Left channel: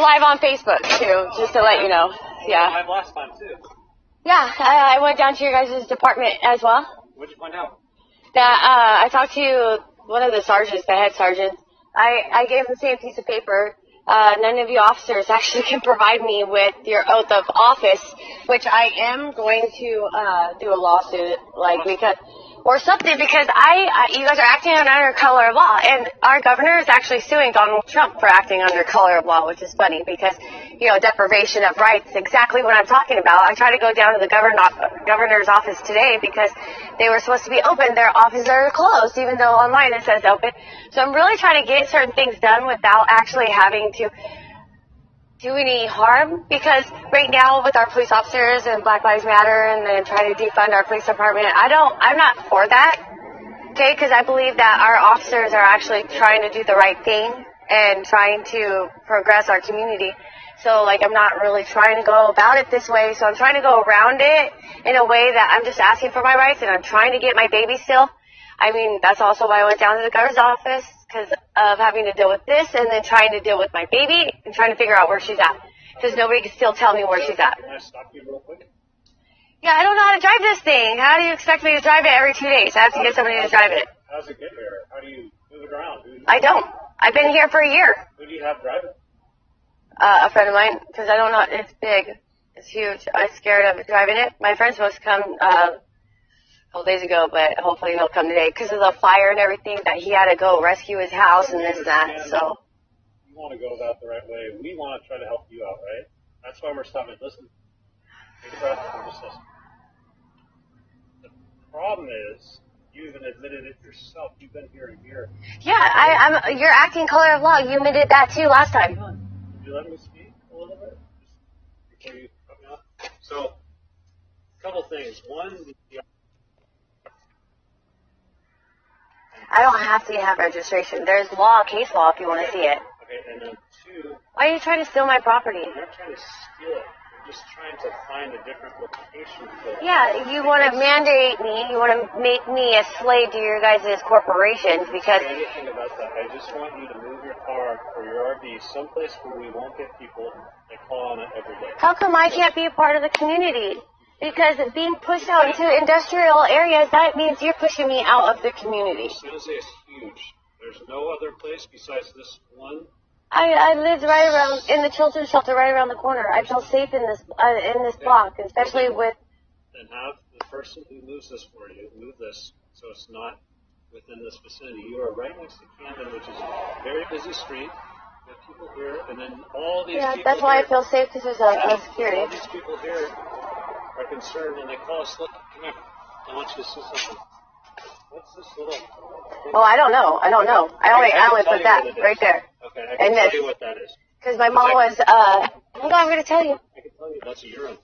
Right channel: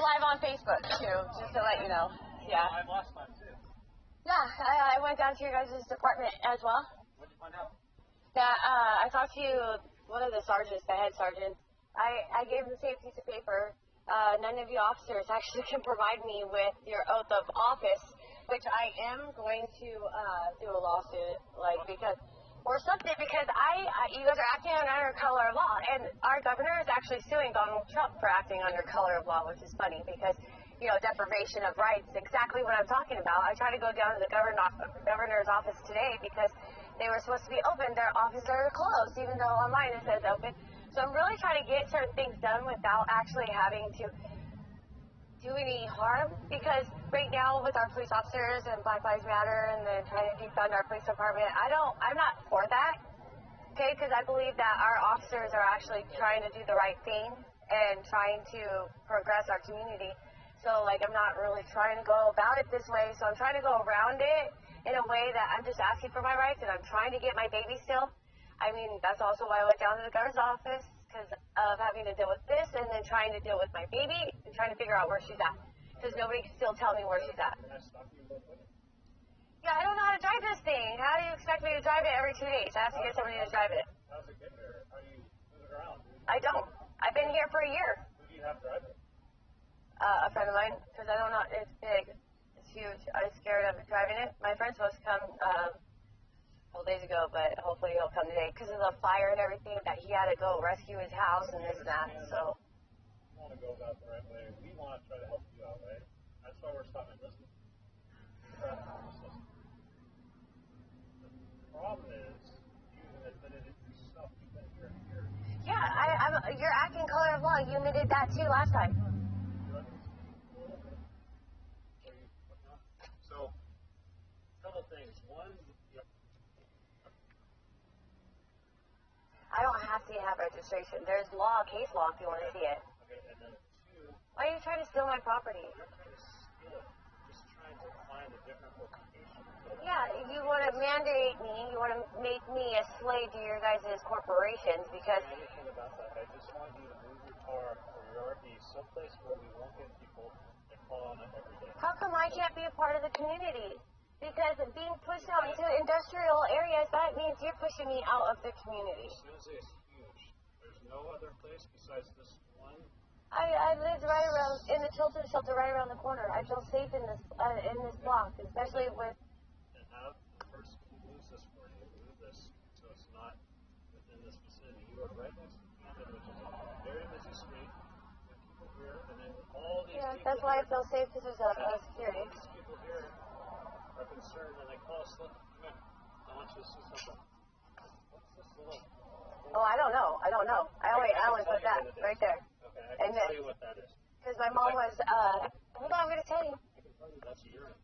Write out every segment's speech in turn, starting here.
Live on Facebook too, just to let you know. Yeah. Live last time too. Yeah, I went down to your guys' department as well. What'd you find out? That I talked to one of the sergeants, the head sergeant. I gave him the same piece of paper. None of you officers actually can provide me with your oath of office, which I am going to do a lawsuit, or something, because you guys are acting under color of law, and our governor is actually suing Donald Trump for acting under color of law, which is funny because, deprivation of rights, exactly what I'm talking about. I tried to go down to the governor's office today because they were supposed to be open. Their offices are closed, even though online it says open. So I'm really trying to get certain things done without actually having to do any harm, because right now with our police officers and Black Lives Matter and then trying to defund our police department, I'm not for that, okay, because I believe that our officers are actually trying to do the right thing and trying to progress our community. So, I'm not really trying to go about it this way, so I'm trying to go around it in a way that I'm just asking for my rights, and I'm trying to get my baby still. I mean, that's also why I went down to the governor's office, because of having to deal with this and then trying to deal with my baby and trying to figure out where she's at, because nobody can still tell me where she's at. Can I stop you real quick? Yeah, I don't know how to drive this thing. How do you expect me to drive it every 2 days? I have to get somebody to drive it. How does it get here? How do you move it around? I don't. I've been here for a year. Who do you have driving? A friend of mine, because I don't know. It's big. It's huge. I'm scared of driving it. My friend's supposed to come a couple days ago, but hopefully he'll come today because of the fire and everything, that he had to go rescue his house and this and that. So you want to go about the right way. We want to try to help you out, right? That's why we're stopping. Listen. Take a breath and just listen. The problem is, you even admitted it yourself. You've been here a year. Yeah, you're acting color of law. You admitted that too last time. Could you let me speak a little bit before you cut me off? So, a couple things. One, I don't have to have registration. There's case law if you want to see it. Okay, and then two, Why are you trying to steal my property? you're not trying to steal it. You're just trying to find a different location for it. Yeah, you want to mandate me. You want to make me a slave to your guys' corporations because... I don't say anything about that. I just want you to move your car or your RV someplace where we won't get people that call on it every day. How come I can't be a part of the community? Because being pushed out into industrial areas, that means you're pushing me out of the community. San Jose is huge. There's no other place besides this one. I lived right around in the children's shelter right around the corner. I feel safe in this block, especially with... Then have the person who moves this for you move this so it's not within this vicinity. You are right next to Camden, which is a very busy street. You have people here, and then all these people that's why here, I feel safe, because there's a security. all these people here are concerned, and they call us, look, come here, I want you to see something. What's this little... Oh, I don't know. I only put that right there. Okay, I can tell you what that is. Because my mom was, hold on, I'm going to tell you. I can tell you that's a urine.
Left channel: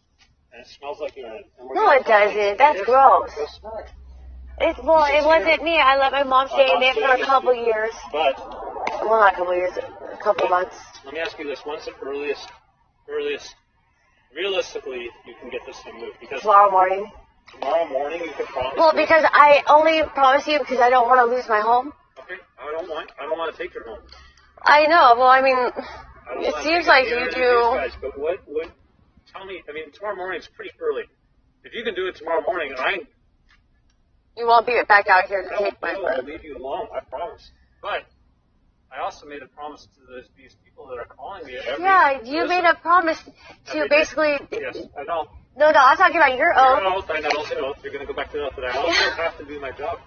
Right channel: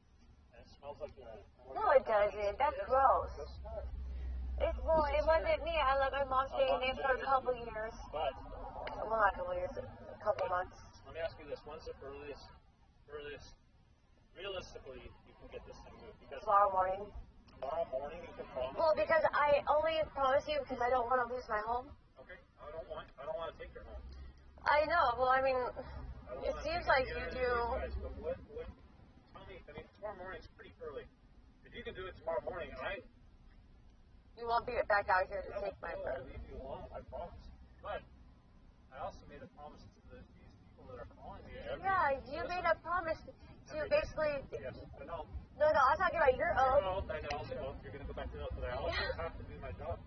And it smells like urine. No, it doesn't. That's gross. It wasn't me. I let my mom stay in there for a couple years. But... Well, not a couple years, a couple months. Let me ask you this. When's the earliest, realistically, you can get this thing moved? Because tomorrow morning. Tomorrow morning you can promise. Well, because I only promise you because I don't want to lose my home. Okay, I don't want to take your home. I know. Well, I mean, it seems like you do. Guys, but what? Tell me. I mean, tomorrow morning is pretty early. If you can do it tomorrow morning, you won't be back out here to take my I'll leave you alone. I promise. But I also made a promise to these people that are calling me. You made a promise to basically. Yes, I know. No, I'm talking about your oath. Your oath, I know. You're going to go back to the oath, but I also have to do my job.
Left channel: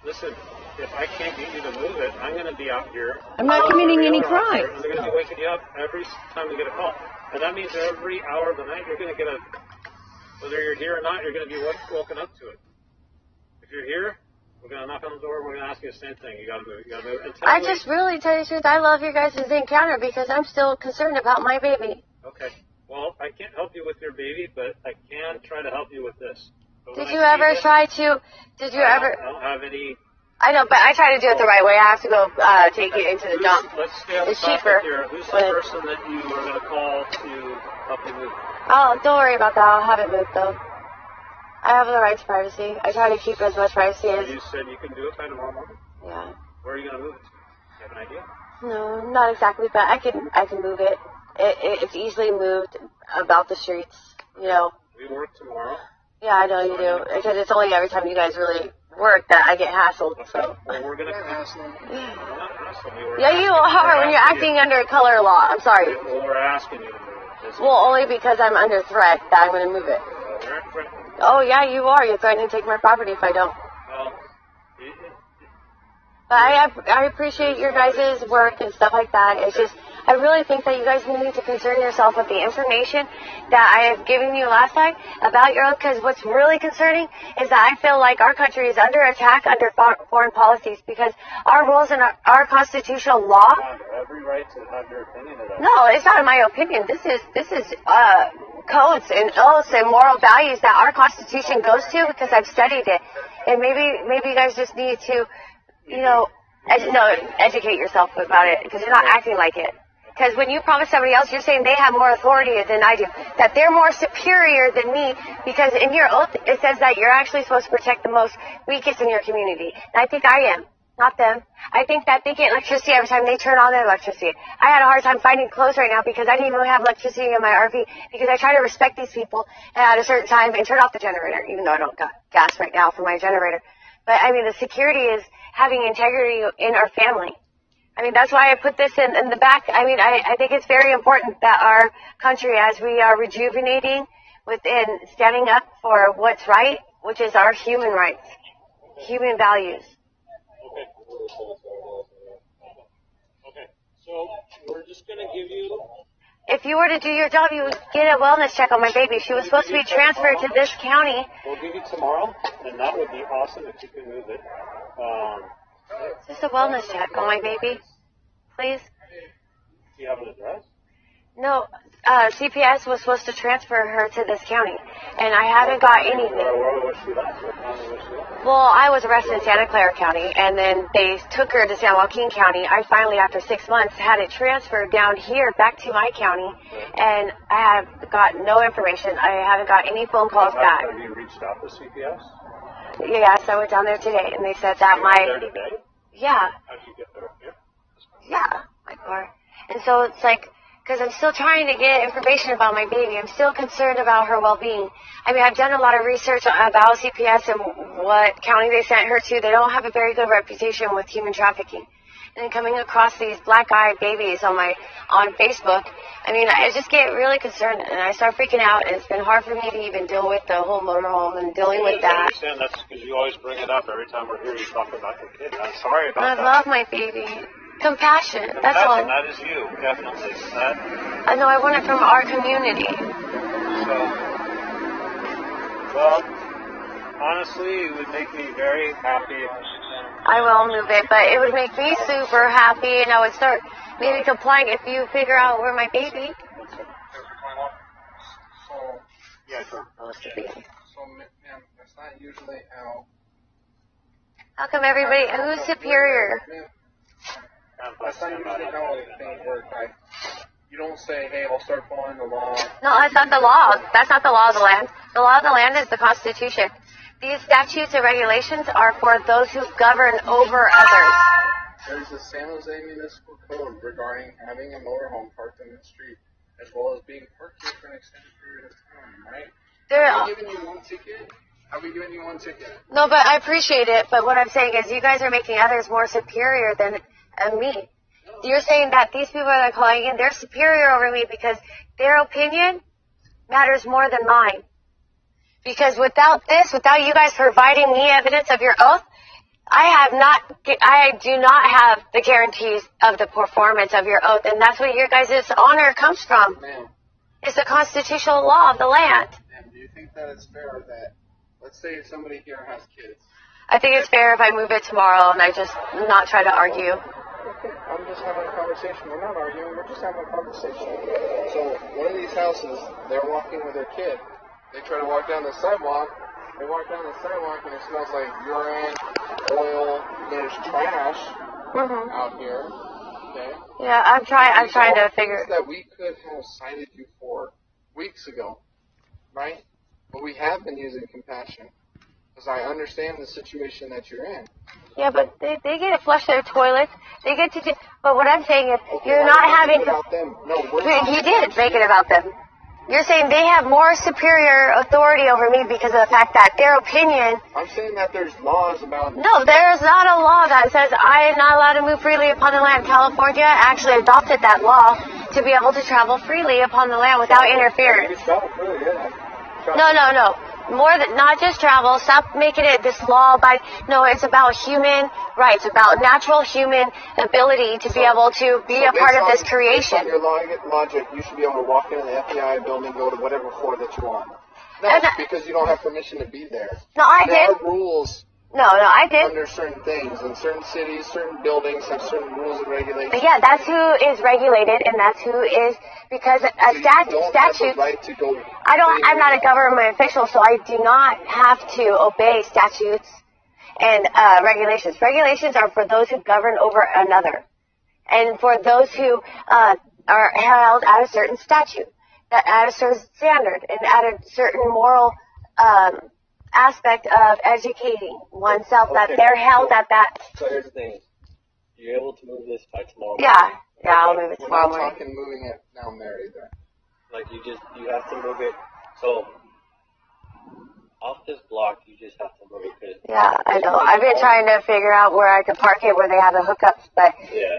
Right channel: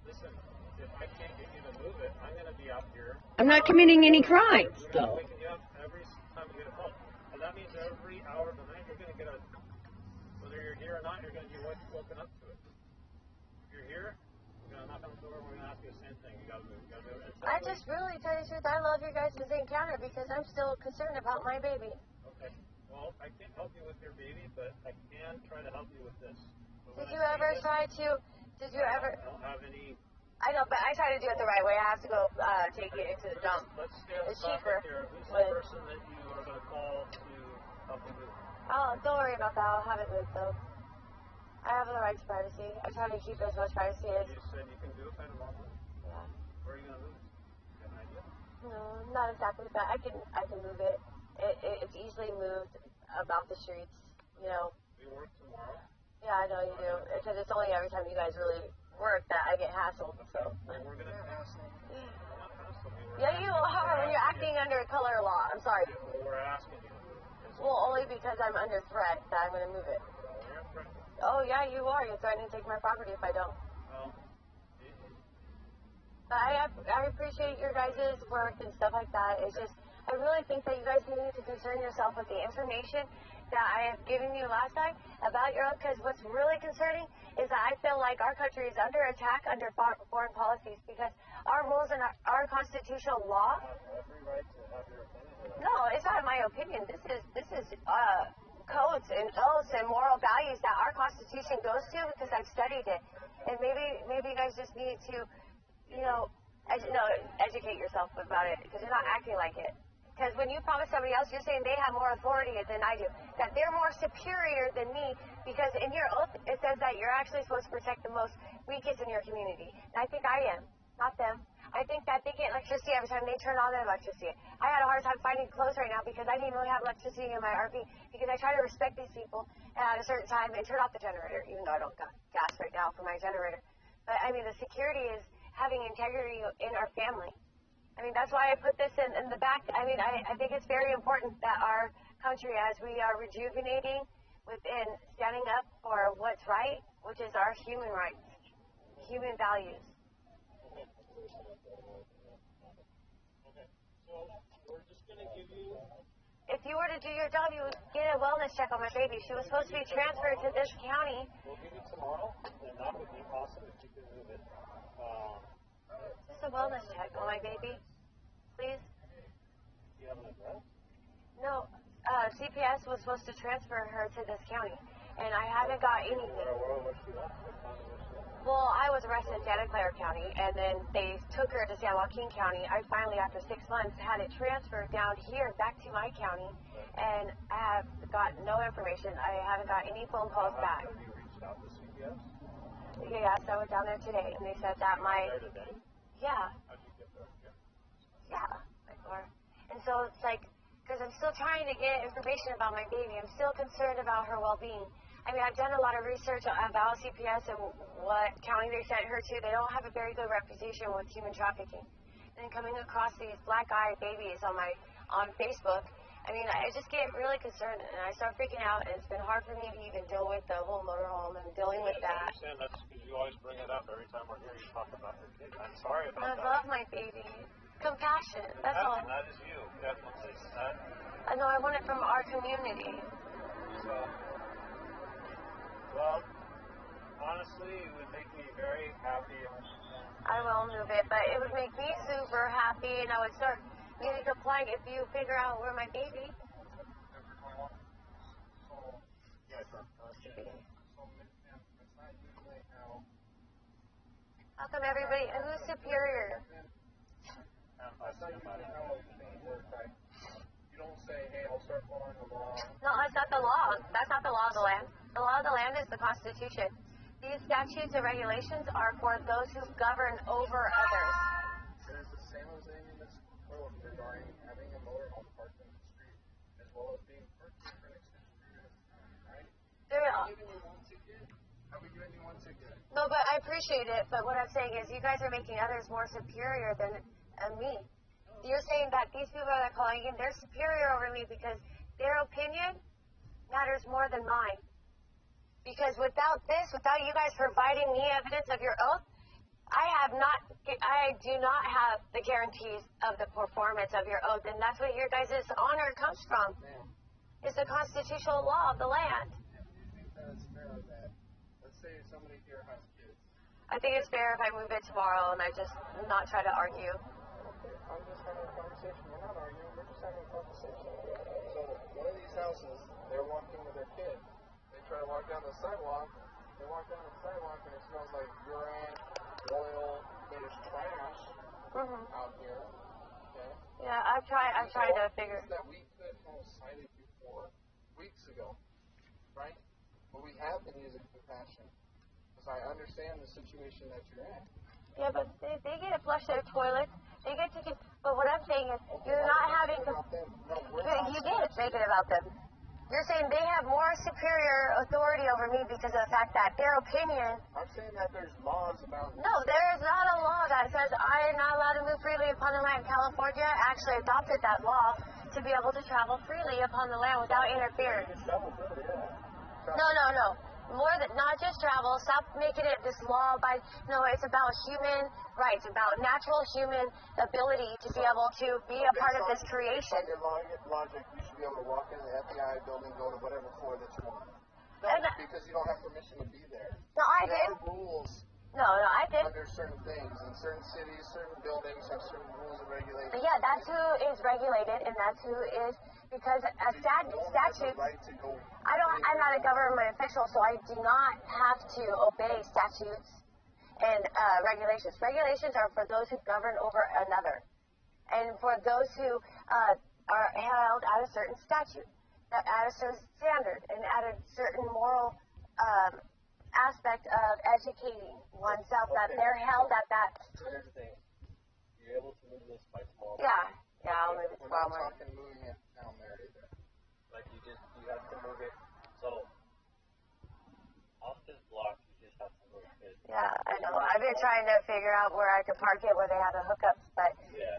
Listen, if I can't get you to move it, I'm going to be out here. I'm not committing any crime. I'm going to be waking you up every time we get a call. And that means every hour of the night, you're going to get whether you're here or not, you're going to be woken up to it. If you're here, we're going to knock on the door, we're going to ask you the same thing. You got to move. I just really, tell you the truth, I love your guys' encounter because I'm still concerned about my baby. Okay. Well, I can't help you with your baby, but I can try to help you with this. Did you ever try to, I don't have any... I know, but I try to do it the right way. I have to go take it into the dump. Let's stay on the topic here. Who's the person that you are going to call to help you move? Oh, don't worry about that. I'll have it moved, though. I have the right to privacy. I try to keep as much privacy as... You said you can do it by tomorrow morning? Yeah. Where are you going to move it to? Do you have an idea? No, not exactly, but I can move it. it's easily moved about the streets, you know. We work tomorrow. Yeah, I know you do. Because it's only every time you guys really work that I get hassled. So. Well, we're going to hassle them. We're not hassling you. Yeah, you are when you're acting under color law. I'm sorry. Well, we're asking you to move it. Well, only because I'm under threat that I'm going to move it. We're not threatening. Oh, yeah, you are. You're threatening to take my property if I don't. Well, But I appreciate your guys' work and stuff like that. It's just, I really think that you guys need to concern yourself with the information that I have given you last time about your oath, because what's really concerning is that I feel like our country is under attack under foreign policies because our rules and our constitutional law. you have every right to have your opinion about it. No, it's not my opinion. This is codes and oaths and moral values that our Constitution goes to because I've studied it. And maybe you guys just need to, you know, educate yourself about it because you're not acting like it. Because when you promise somebody else, you're saying they have more authority than I do, that they're more superior than me, because in your oath it says that you're actually supposed to protect the most weakest in your community. And I think I am, not them. I think that they get electricity every time they turn on their electricity. I had a hard time finding clothes right now because I didn't even have electricity in my RV because I try to respect these people at a certain time and turn off the generator, even though I don't got gas right now for my generator. But I mean, the security is having integrity in our family. I mean, that's why I put this in the back. I mean, I think it's very important that our country, as we are rejuvenating within standing up for what's right, which is our human rights, human values. Okay, so we're just going to give you... If you were to do your job, you would get a wellness check on my baby. She was supposed to be transferred to this county. We'll give you tomorrow, and that would be awesome if you can move it. Just a wellness check on my baby, please. Do you have an address? No, CPS was supposed to transfer her to this county, and I haven't got anything. Where was she last? What county was she at? Well, I was arrested in Santa Clara County, and then they took her to San Joaquin County. I finally, after 6 months, had it transferred down here back to my county, and I have got no information. I haven't got any phone calls back. Have you reached out to CPS? Yes, I went down there today, and they said that There today? yeah, How did you get there? Here? yeah, my car. And so it's like, because I'm still trying to get information about my baby. I'm still concerned about her well-being. I mean, I've done a lot of research about CPS and what county they sent her to. They don't have a very good reputation with human trafficking. And then coming across these black-eyed babies on Facebook, I mean, I just get really concerned, and I start freaking out, and it's been hard for me to even deal with the whole motorhome and dealing with I that. understand that's because you always bring it up every time we're here. You talk about your kid. I'm sorry about that. I love my baby. Compassion, that's all. That is you, definitely. I know, I want it from our community. So, well, honestly, it would make me very happy if I will move it, but it would make me super happy, and I would start maybe complying if you figure out where my baby. yeah, sure. So, ma'am, that's not usually how... How come everybody, who's superior? That's not usually how things work. Like, you don't say, hey, I'll start following the law. No, that's not the law. That's not the law of the land. The law of the land is the Constitution. These statutes and regulations are for those who govern over others. There's the San Jose Municipal Code regarding having a motorhome parked in the street, as well as being parked here for an extended period of time, right? Have we given you one ticket? Have we given you one ticket? No, but I appreciate it. But what I'm saying is you guys are making others more superior than me. You're saying that these people that are calling in, they're superior over me because their opinion matters more than mine. Because without you guys providing me evidence of your oath, I do not have the guarantees of the performance of your oath, and that's what your guys' honor comes from. Ma'am, It's the constitutional law of the land. ma'am, do you think that it's fair that, let's say somebody here has kids? I think it's fair if I move it tomorrow and I just not try to argue. Okay, I'm just having a conversation. We're not arguing. We're just having a conversation. So one of these houses, they're walking with their kid. They try to walk down the sidewalk. They walk down the sidewalk and it smells like urine, oil. There's trash out here. Okay. Yeah, I'm trying to figure. That we could have cited you for weeks ago, right? But we have been using compassion because I understand the situation that you're in. Yeah, but they get to flush their toilets. They get to do, but what I'm saying is you're not having to, about them. No, you did make it about them. You're saying they have more superior authority over me because of the fact that their opinion. I'm saying that there's laws about. No, there's not a law that says I am not allowed to move freely upon the land. California actually adopted that law to be able to travel freely upon the land without interference. You can travel freely, yeah. No. More than not just travel. Stop making it this law by. No, it's about human rights, about natural human ability to be able to be a part of this creation. Based on your logic, you should be able to walk into the FBI building, go to whatever floor that you want. No, because you don't have permission to be there. No, I there did. There are rules. No, I did. Under certain things, in certain cities, certain buildings have certain rules and regulations. But yeah, that's who is regulated, and that's who is because a statute. Have the right to go. I'm not a government official, so I do not have to obey statutes and regulations. Regulations are for those who govern over another, and for those who are held at a certain statute, at a certain standard, and at a certain moral aspect of educating oneself, that they're held at that. So here's the thing: you're able to move this by tomorrow. Yeah, I'll move it tomorrow We're morning. not talking moving it down there either. Like you have to move it. So off this block, you just have to move it. Yeah, I know. I've been trying to figure out where I could park it where they have the hookups, but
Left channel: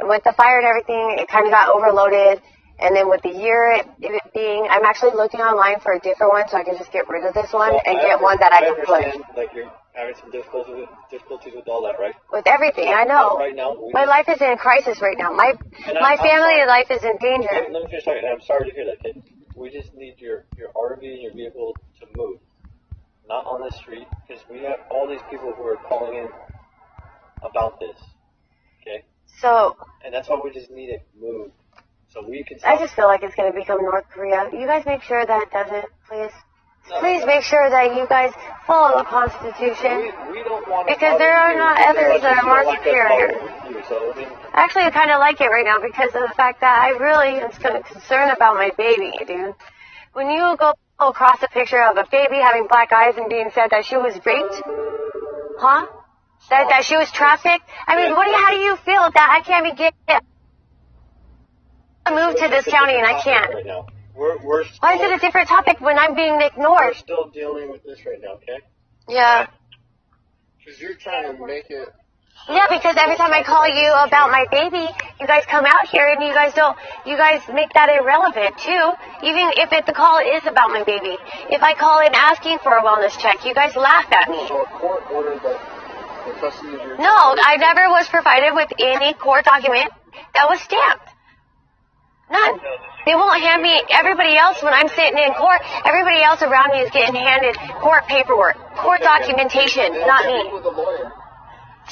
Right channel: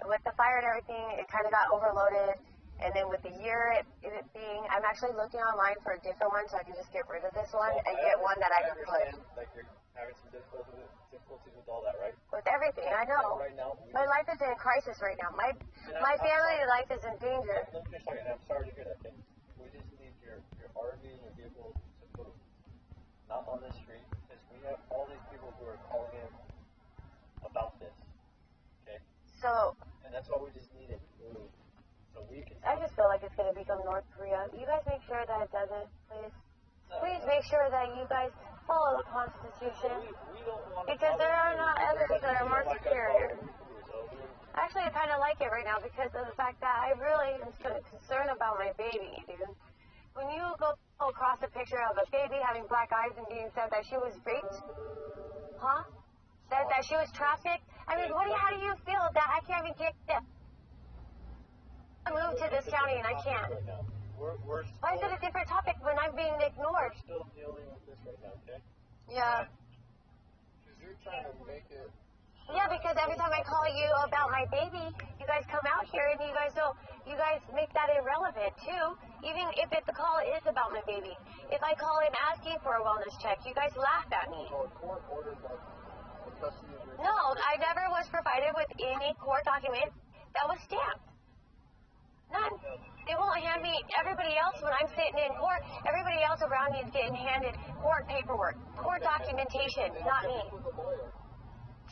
with the fire and everything, it kind of got overloaded. And then with the year it being, I'm actually looking online for a different one so I can just get rid of this one and get one that I can put. Like you're having some difficulties with all that, right? With everything, I know. Right now, my life is in crisis right now. My family life is in danger. Let me finish talking. I'm sorry to hear that, kid. We just need your RV and your vehicle to move, not on the street, because we have all these people who are calling in about this. Okay. So. And that's why we just need it moved. So we can. I just feel like it's going to become North Korea. You guys make sure that it doesn't, please. Please make sure that you guys follow the Constitution. We don't want to. Because there are not others that are more superior. Actually, I kind of like it right now because of the fact that I really am concerned about my baby, dude. When you go across a picture of a baby having black eyes and being said that she was raped, huh? That she was trafficked. I mean, how do you feel that I can't be getting move to this county and I can't? Right now. We're still, why is it a different topic when I'm being ignored? We're still dealing with this right now, okay? Yeah. Because you're trying to make it. Yeah, because every time I call you about my baby, you guys come out here and you guys make that irrelevant too. Even if the call is about my baby. If I call in asking for a wellness check, you guys laugh at me. So a court ordered the custody of your No, I never was provided with any court document that was stamped. None. They won't hand me, everybody else, when I'm sitting in court, everybody else around me is getting handed court paperwork, court documentation, not me. With a lawyer.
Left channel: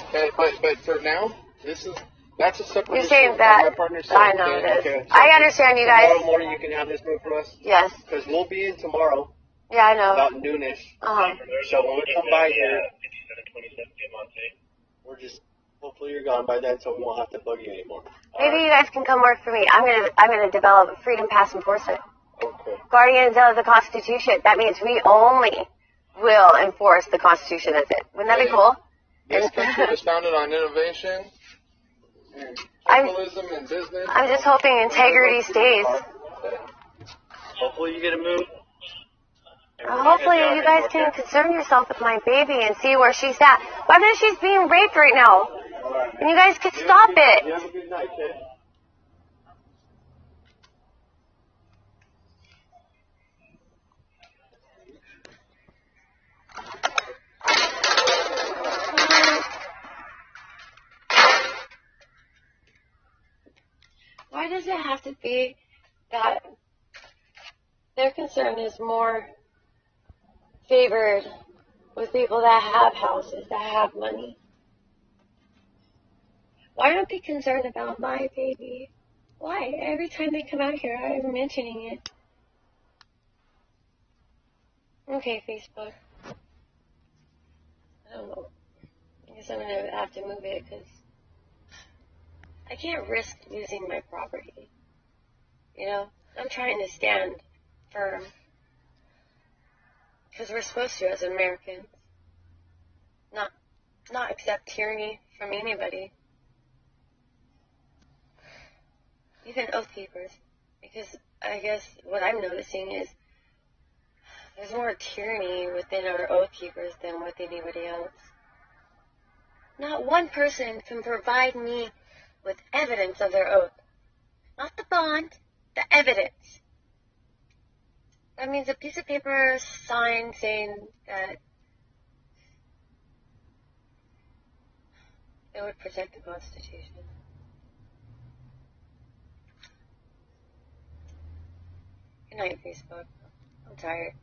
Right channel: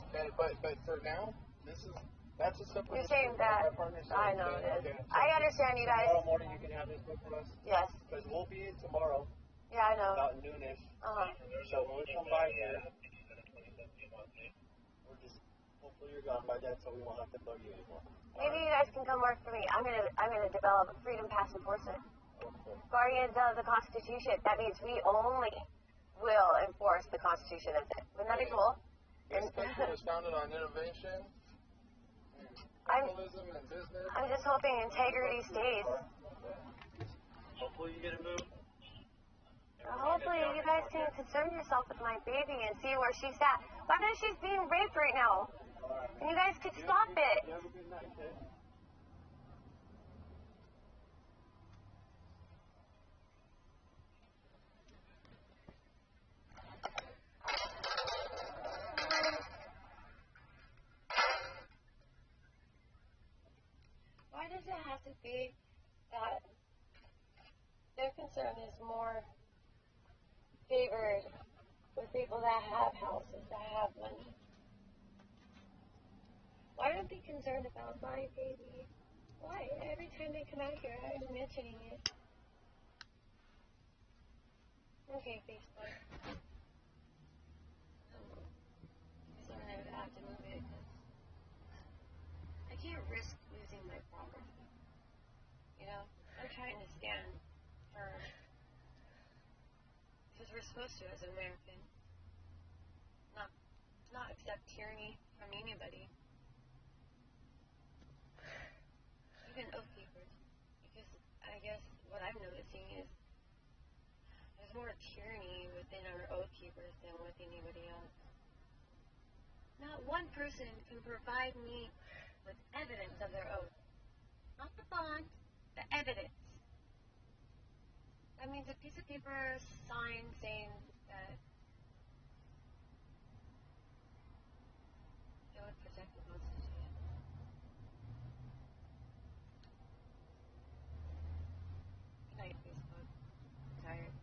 Okay, but for now, that's a separate You're issue. saying that, I know this. Okay. I understand you guys. Tomorrow morning you can have this moved for us? Yes. Because we'll be in tomorrow. Yeah, I know. About noonish. Uh-huh. So when we come by here, we're just, hopefully you're gone by then so we won't have to bug you anymore. Maybe you guys can come work for me. I'm gonna develop a freedom pass enforcement. Okay. Guardians of the Constitution. That means we only will enforce the Constitution as it. Wouldn't that be cool? This country was founded on innovation and capitalism and business. I'm just hoping integrity stays. Hopefully you get a move. Hopefully you guys can concern yourself with my baby and see where she's at. Why is she's being raped right now? And you guys can stop it. You have a good night, kid. Why does it have to be that their concern is more favored with people that have houses, that have money? Why aren't they concerned about my baby? Why? Every time they come out here, I'm mentioning it. Okay, Facebook. I don't know. I guess I'm going to have to move it because I can't risk losing my property. You know? I'm trying to stand firm. Because we're supposed to as Americans. Not accept tyranny from anybody, even oath keepers, because I guess what I'm noticing is there's more tyranny within our oath keepers than with anybody else. Not one person can provide me with evidence of their oath. Not the bond, the evidence. That means a piece of paper signed saying that it would protect the Constitution. Good night, Facebook. I'm tired.